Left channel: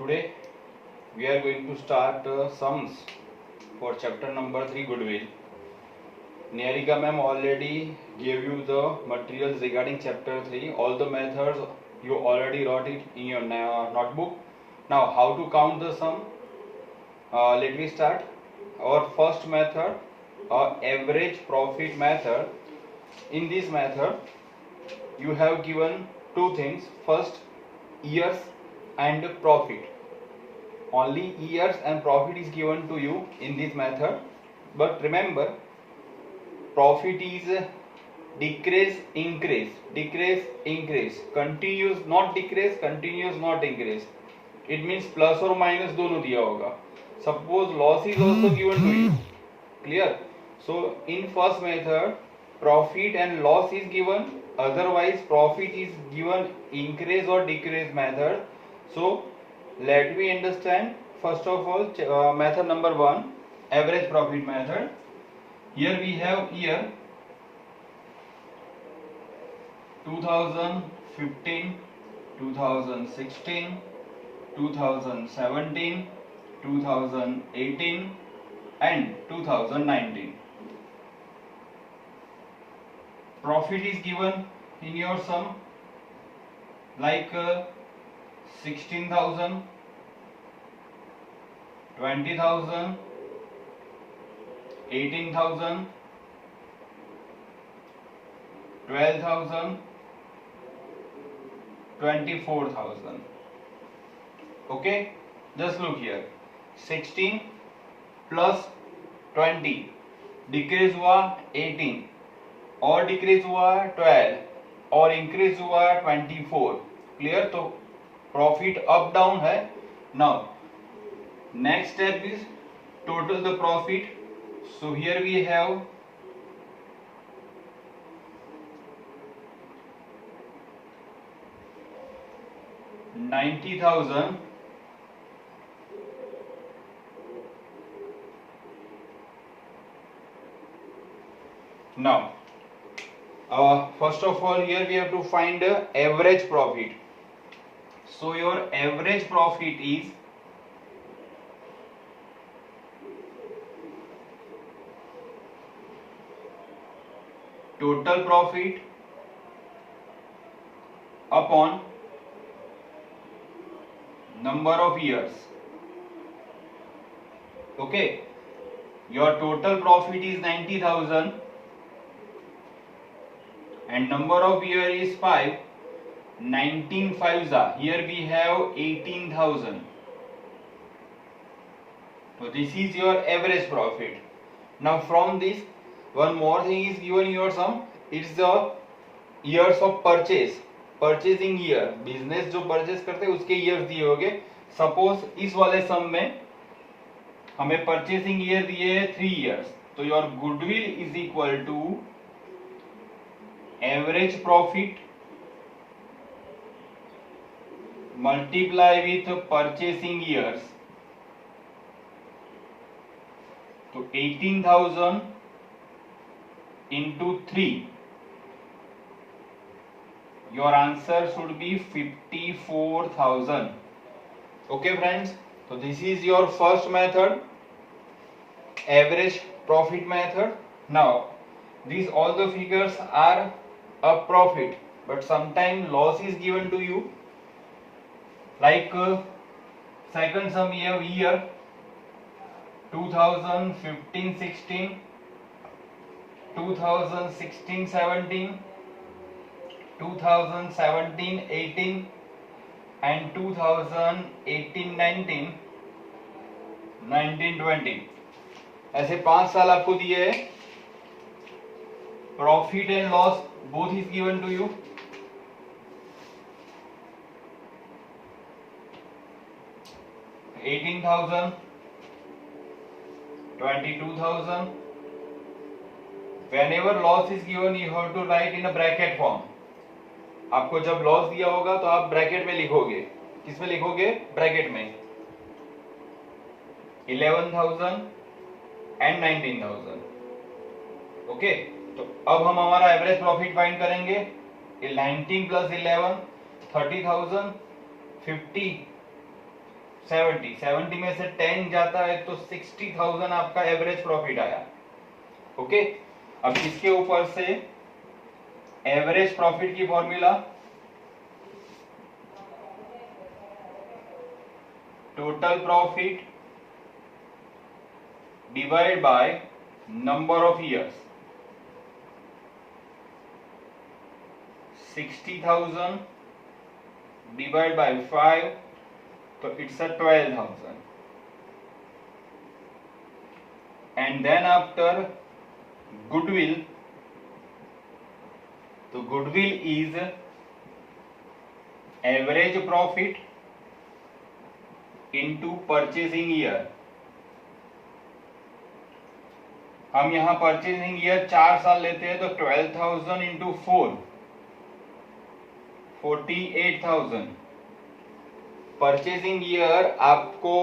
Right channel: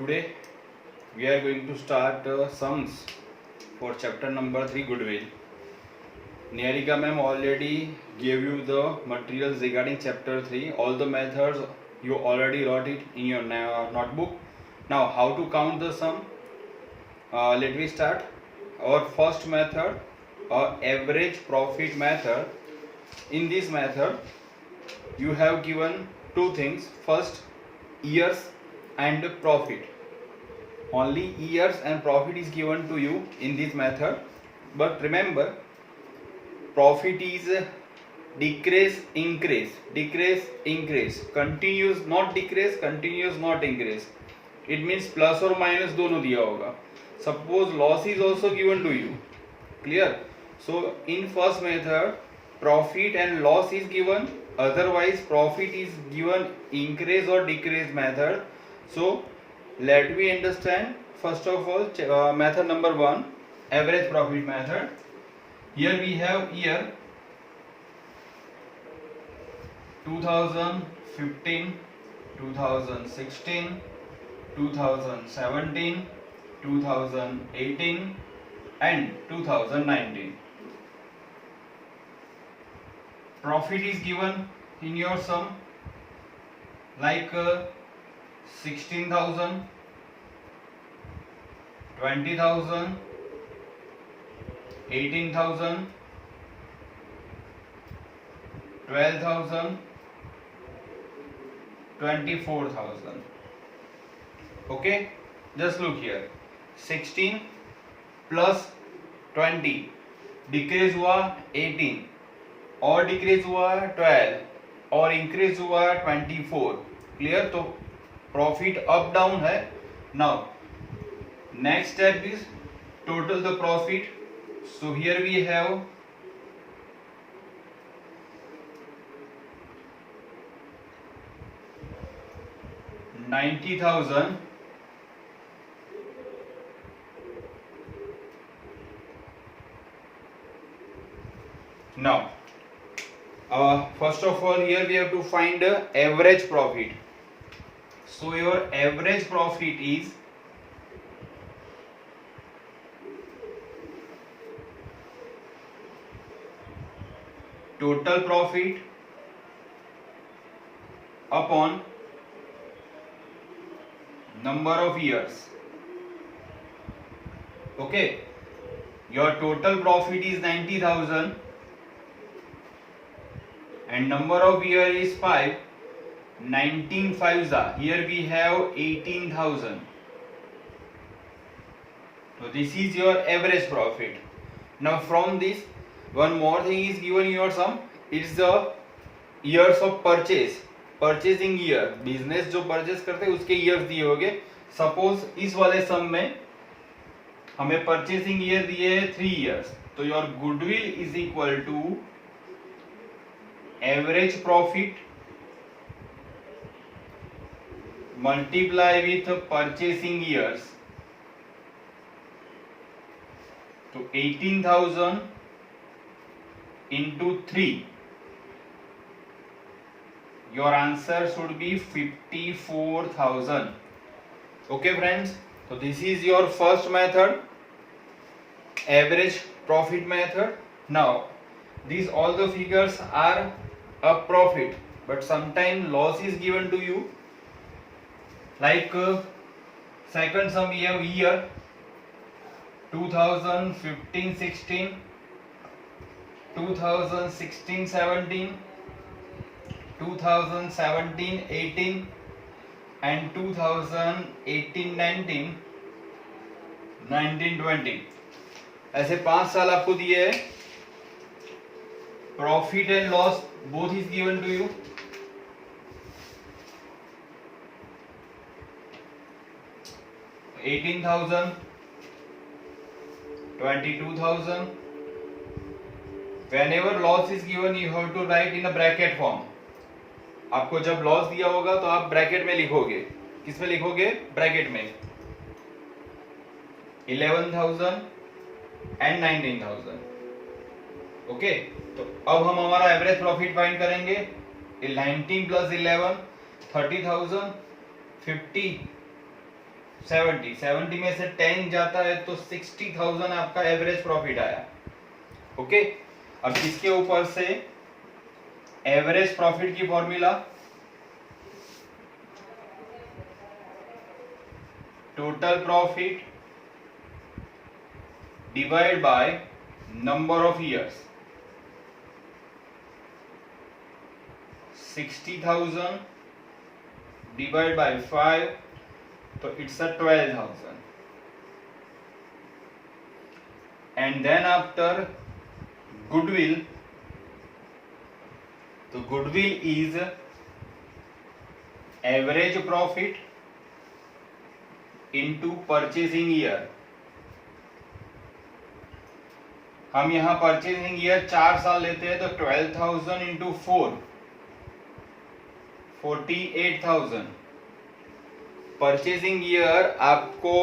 Today we are going to start sums for chapter number 3 Goodwill. Niharika ma'am already gave you the materials regarding chapter 3. All the methods you already wrote it in your notebook. Now how to count the sum? Let me start. Our first method, average profit method. In this method you have given two things. First, years and profit. Only years and profit is given to you in this method, but remember, profit is decrease increase, continuous not decrease, continuous not increase. It means plus or minus दोनों दिया होगा. Suppose loss is also given to you. Clear? So in first method, profit and loss is given, otherwise profit is given increase or decrease method. So let me understand first of all method number 1, average profit method. Here we have year 2015, 2016, 2017, 2018 and 2019. Profit is given in your sum like 16,000, 20,000, 18,000, 12,000, 24,000. Okay, just look here. 16 plus 20 decrease हुआ 18 और decrease हुआ 12 और increase हुआ 24. क्लियर? तो profit up down है. Now next step is total the profit. So here we have 90,000 now. First of all, here we have to find average profit. So your average profit is total profit upon number of years. Okay, your total profit is 90,000 and number of year is 5. 19 5s are here, we have 18,000. So this is your average profit. Now from this, one more thing is given in your sum. It's the years of purchase, purchasing year. Business जो purchase करते हैं उसके years दिए होंगे. Suppose इस वाले सम में हमें परचेसिंग ईयर दिए है 3 years. तो your goodwill is equal to average profit multiply with purchasing years. तो 18,000 into 3. Your answer should be 54,000. Okay friends, so this is your first method, average profit method. Now these all the figures are a profit, but sometimes loss is given to you. Like second sum we have year 2015-16, 2016-17, 2017-18 and 2018-19, 19-20. ऐसे 5 साल आपको दिए है. Profit and loss both is given to you. $18,000, $22,000. Whenever loss is given, you have to write in a bracket form. आपको जब loss दिया होगा तो आप ब्रैकेट में लिखोगे. किसमें लिखोगे? ब्रैकेट में. 11,000 and 19,000. ओके, तो अब हम हमारा एवरेज प्रॉफिट फाइंड करेंगे. 19 plus 11 30,000, 50 70 में से 10 जाता है तो 60,000 आपका एवरेज प्रॉफिट आया। ओके, अब इसके ऊपर से एवरेज प्रॉफिट की formula total profit divide by number of years. 60,000 divide by 5 तो it's a 12,000 and then after goodwill, तो goodwill is average profit into purchasing year. हम यहां परचेजिंग ईयर 4 साल लेते हैं तो 12,000 इंटू 4 48,000। परचेजिंग ईयर आपको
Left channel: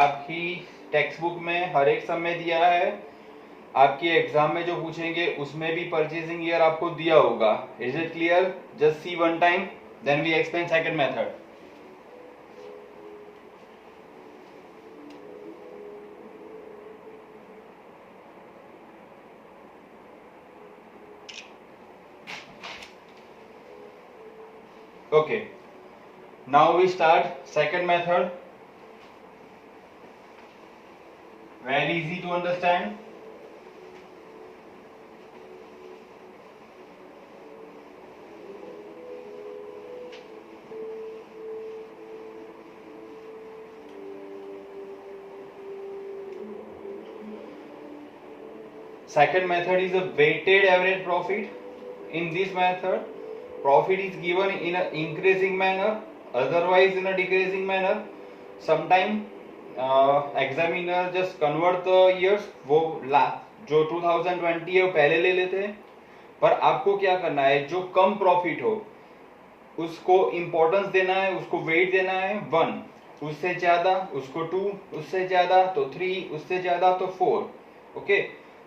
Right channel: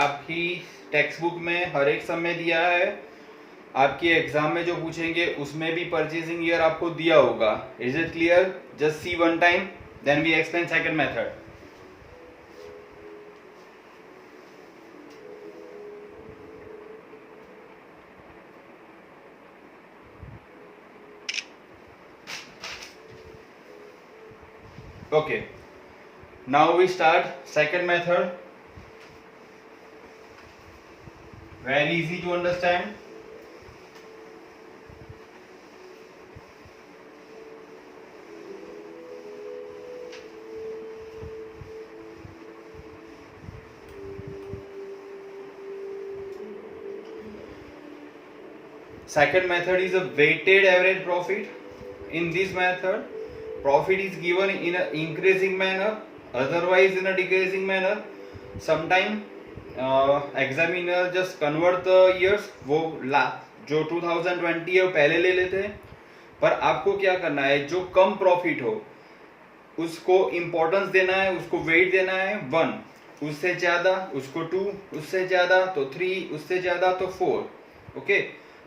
आपकी टेक्स्ट बुक में हर एक समय दिया है, आपकी एग्जाम में जो पूछेंगे उसमें भी परचेजिंग ईयर आपको दिया होगा। Is it clear? Just see one time then we explain second method. Okay, now we start second method. Very easy to understand. Second method is a weighted average profit. In this method, profit is given in an increasing manner, otherwise in a decreasing manner. Sometime examiner just convert the years, वो जो 2020 है वो पहले ले लेते हैं, पर आपको क्या करना है, जो कम प्रॉफिट हो उसको इंपॉर्टेंस देना है, उसको वेट देना है 1, उससे ज्यादा उसको 2, उससे ज्यादा तो 3, उससे ज्यादा तो 4। ओके,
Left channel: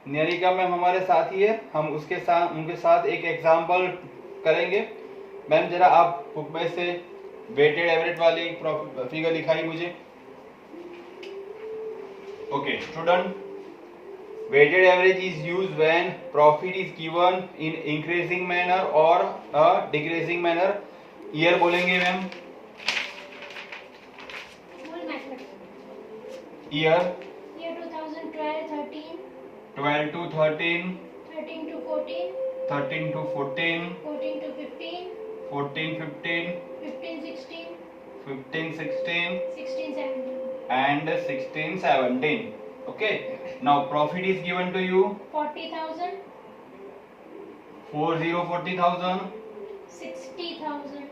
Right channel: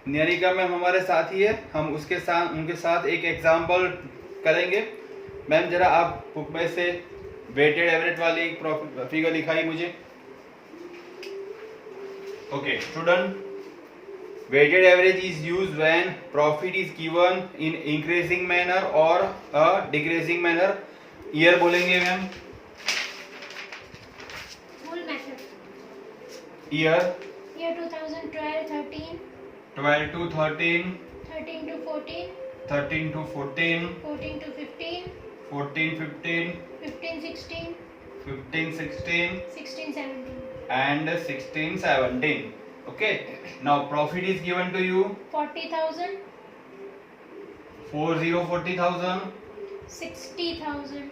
नियरिका मैम हमारे साथ ही है, हम उनके साथ एक एग्जांपल करेंगे। मैम जरा आप बुक में से वेटेड एवरेज वाली फिगर दिखाई मुझे। Okay student, weighted average is used when profit is given in increasing manner or a decreasing manner. Year बोलेंगे ma'am, full method. year 2012 13, 12 to 13, 13 to 14, 13 to 14, 14 to 15, 14 15, 15 16, 15 16 16 17. and 16 17. Okay, now profit is given to you 40,000, 40,000, 60,000,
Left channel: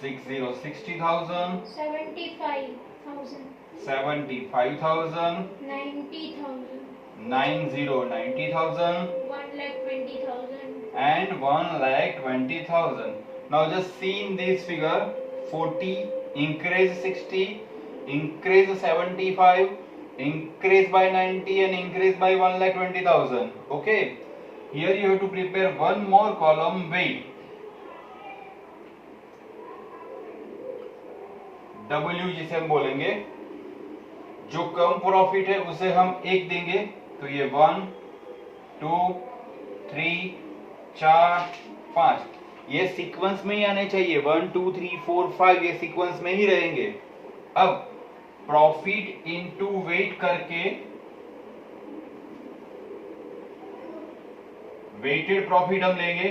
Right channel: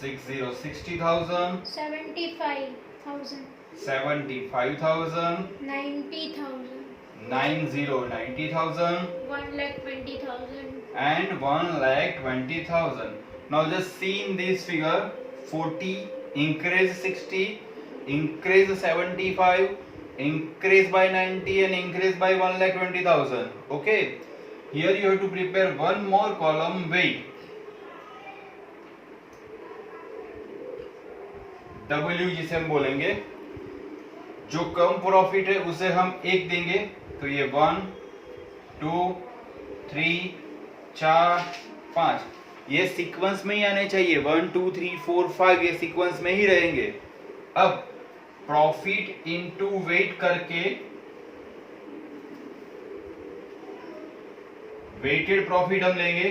60,000, 75,000, 75,000, 90,000, 90,000 1,20,000. and 1,20,000. Now just see in this figure, 40 increase 60, increase 75, increase by 90 and increase by 1,20,000. Okay, here you have to prepare one more column weight. W जिसे हम बोलेंगे, जो कम profit है उसे हम 1 देंगे, तो ये 1 2 3 4 5 ये सीक्वेंस में ही आने चाहिए। 1 2 3 4 5 ये सीक्वेंस में ही रहेंगे। अब प्रॉफिट इनटू वेट करके वेटेड प्रॉफिट हम लेंगे,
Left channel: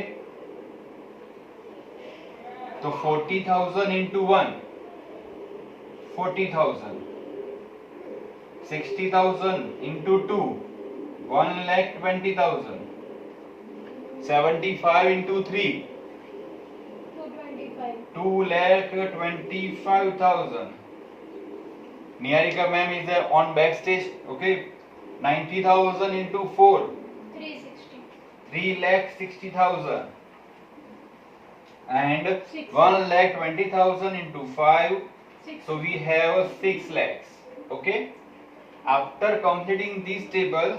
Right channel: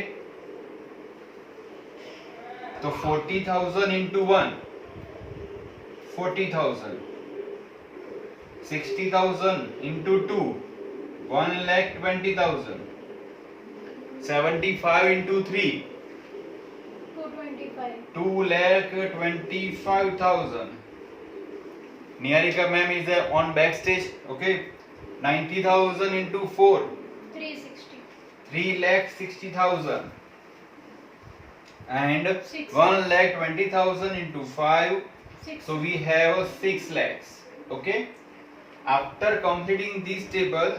तो 40,000 into 1 40,000, 60,000 into 2 1,20,000, 75 into 3 225. 2,25,000. Niharika ma'am is on backstage. Okay, 90,000 into 4 360. 3,60,000 and 6. 1,20,000 into 5, 6. so we have 6 lakhs. Okay, after completing this table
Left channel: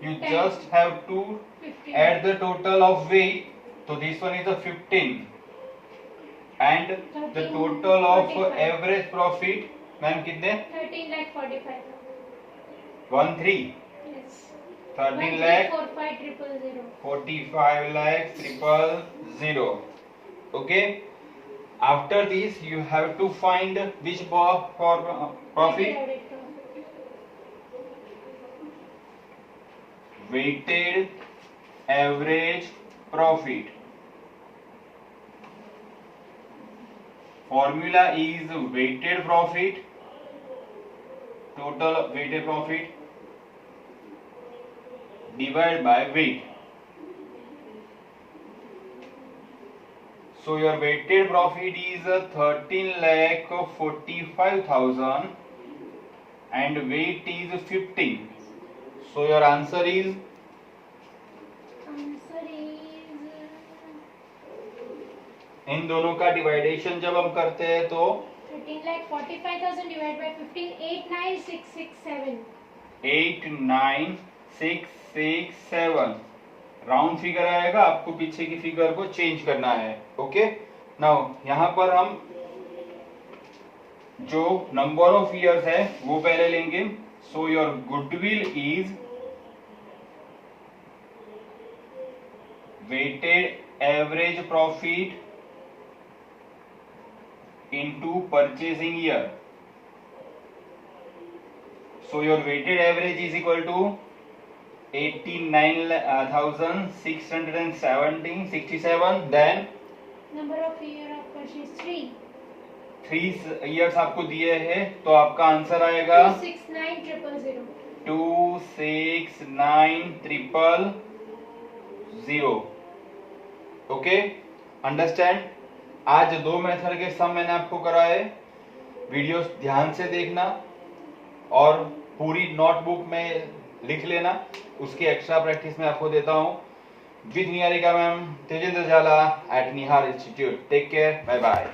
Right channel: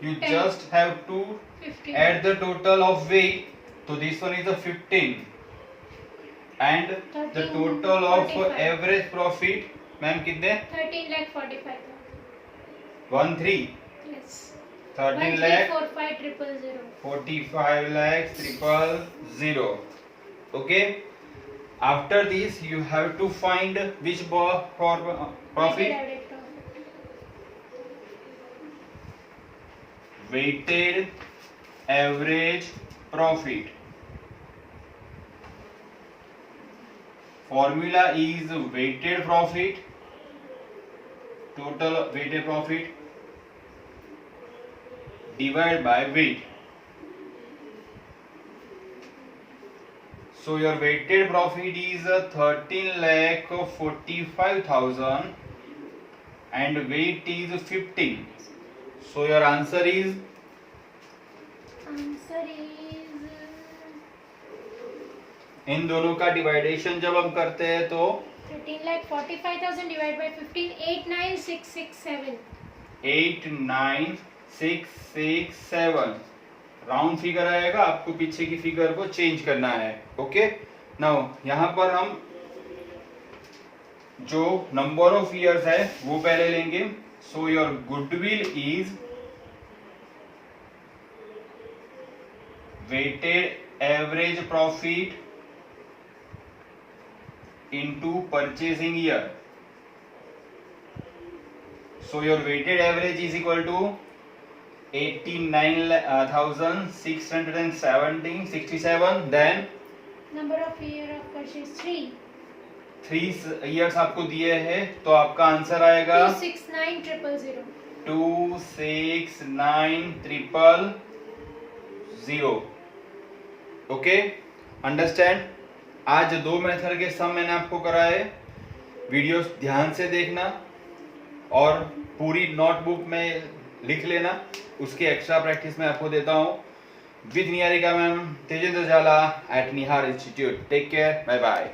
you 10. just have to 15. add the total of weight, so this one is a 15. And the total of average profit ma'am कितने 13,45,000 yes 13 lakh 13,45,000 45 lakh 000. Okay, after this you have to find which for profit weighted average profit. Formula is weighted profit, total weighted profit divided by weight. So your weighted profit is 13,45,000 and weight is 15. So your answer is इन दोनों का डिवाइडेशन जब हम करते हैं तो 13,45,000 divided by 15 89667 89667 round figure आएगा, आपको पीछे की फिगर को चेंज करना है. ओके, नाउ यहाँ पर हम जो नंबर ऑफ ईयर्स है वो पहले लेंगे. So your goodwill is weighted average profit into purchasing year. So your weighted average is equal to 89,667. Then number of year of purchase 3 years आपको दिए हैं, तो आपका आंसर आएगा 269,000 269,000. Okay, understand. आज 2 मेथड के सम मैंने आपको कराए. वीडियो ध्यान से देखना और पूरी नोटबुक में लिख लेना. उसकी एक्स्ट्रा प्रैक्टिस मैं आपको देता हूँ. With Niharika ma'am, Tejendra Jhala at Nihar institute. Take care, bye bye.